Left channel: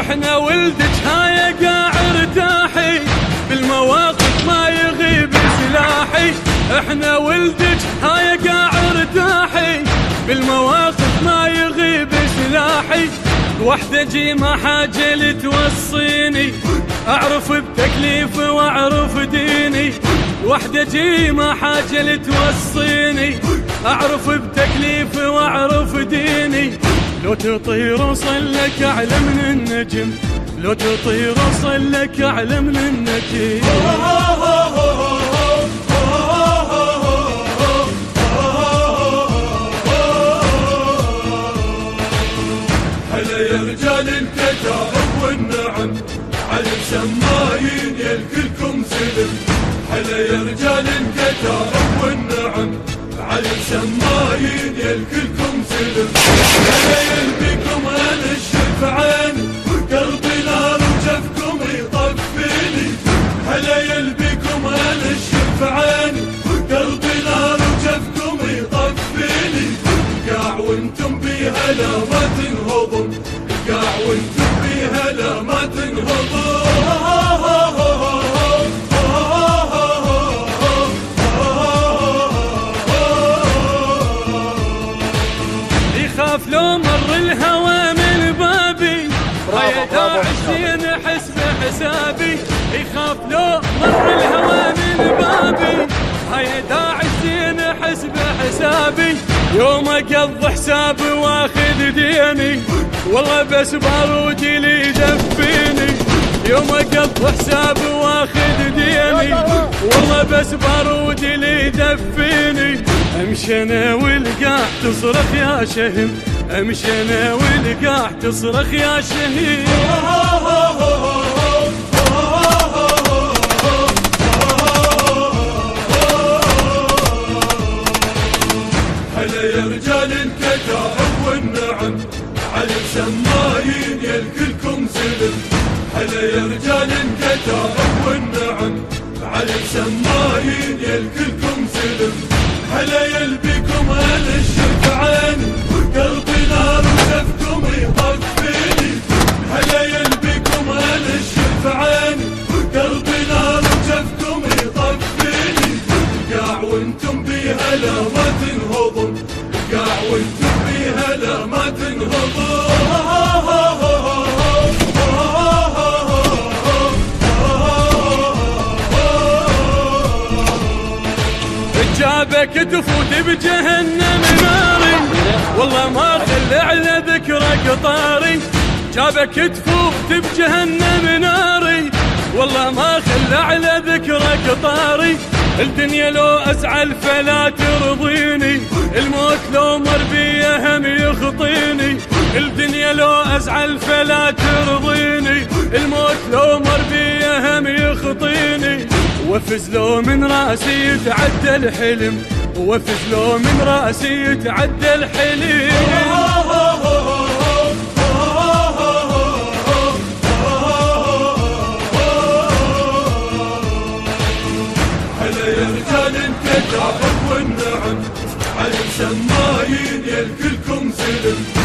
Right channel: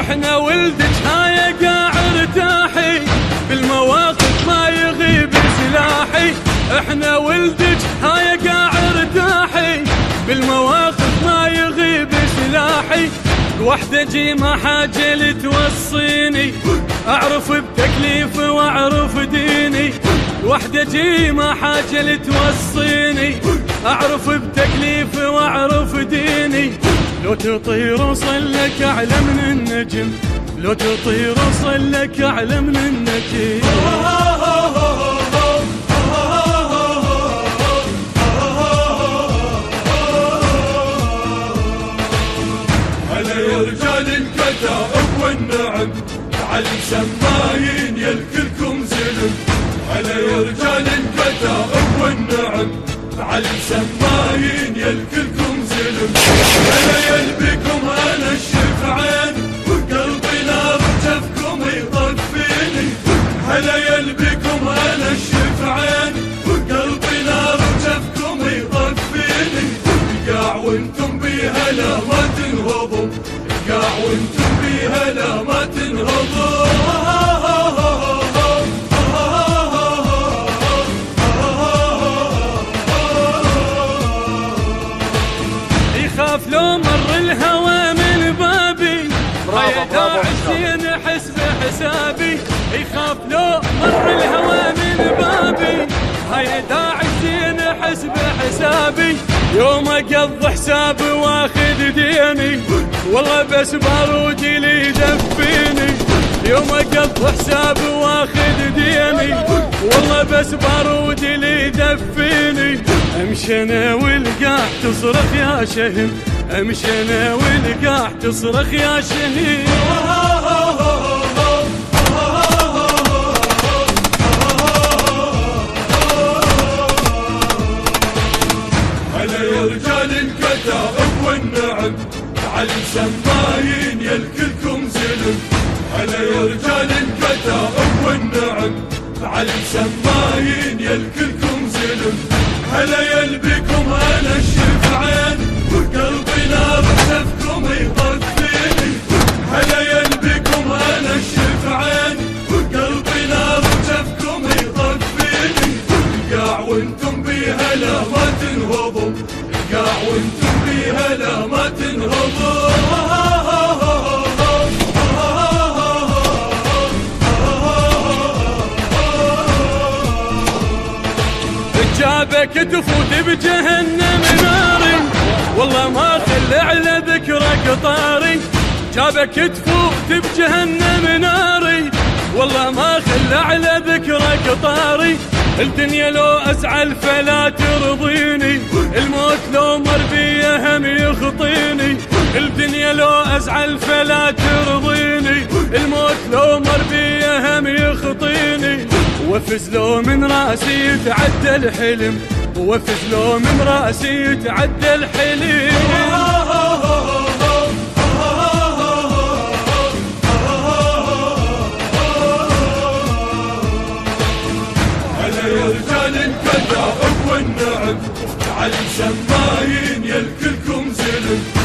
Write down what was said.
احنا ولدك هاي قاع ارتاحي، بالمواقف ما يغيب سلاحي. احنا ولدك هاي قاع ارتاحي، بالمواقف ما يغيب سلاحي. وحدة جي ما حاجة لتوصيني، اعرف بتكليف واعرف ديني. وحدة جي ما حاجة لتوصيني، اعرف بتكليف واعرف ديني. لو تطير وصل لك اعلى من النجم، لو تطير وصل لك اعلى من النجم. هلا يا رجال الكتائب والنعم، على السمايين يلكلكم سلم. هلا يا رجال الكتائب والنعم، على السمايين يلكلكم سلم. هلا يلبيكم انا الشفعان، وقلبي نار وجفكم يطق فيني. هلا يلبيكم انا الشفعان، وقلبي نار وجفكم يطق فيني. قاع وانتم بيها لا ما تنهضوا، قاع وانتم بيها لا ما تنهضوا. يخاف لو مر الهوى من بابي، هيا داعسين حسب حسابي. يخاف لو مر الهوى من بابي، هيا داعسين حسب حسابي. يوم اقضي حسابي واخذ ديني، والله بس بارودي لي يدفيني. يوم اقضي حسابي واخذ ديني، والله بس بارودي لي يدفيني. امشي انا والقاع تصرخ يا شهم، امشي انا والقاع تصرخ يا شهيد. هلا يا رجال الكتائب والنعم، على السمايين يلكلكم سلم. هلا يا رجال الكتائب والنعم، على السمايين يلكلكم سلم. هلا يلبيكم انا الشفعان، وقلبي نار وجفكم يطق فيني. هلا يلبيكم انا الشفعان، وقلبي نار وجفكم يطق فيني. قاع وانتم بيها لا ما تنهضوا، قاع وانتم بيها لا ما تنهضوا. جابك تفوت بجهنم ناري، والله ما خلى على ذكرك طاري. جابك تفوت بجهنم ناري، والله ما خلى على ذكرك طاري. الدنيا لو ازعل فلا ترضيني، الموت لو مر بي هم يخطيني. الدنيا لو ازعل فلا ترضيني، الموت لو مر بي هم يخطيني. وفز لو من راسي يتعدى الحلم، وفز لو من راسي يتعدى الحلم. هلا يا رجال الكتائب والنعم، على السمايين يلكلكم سلم.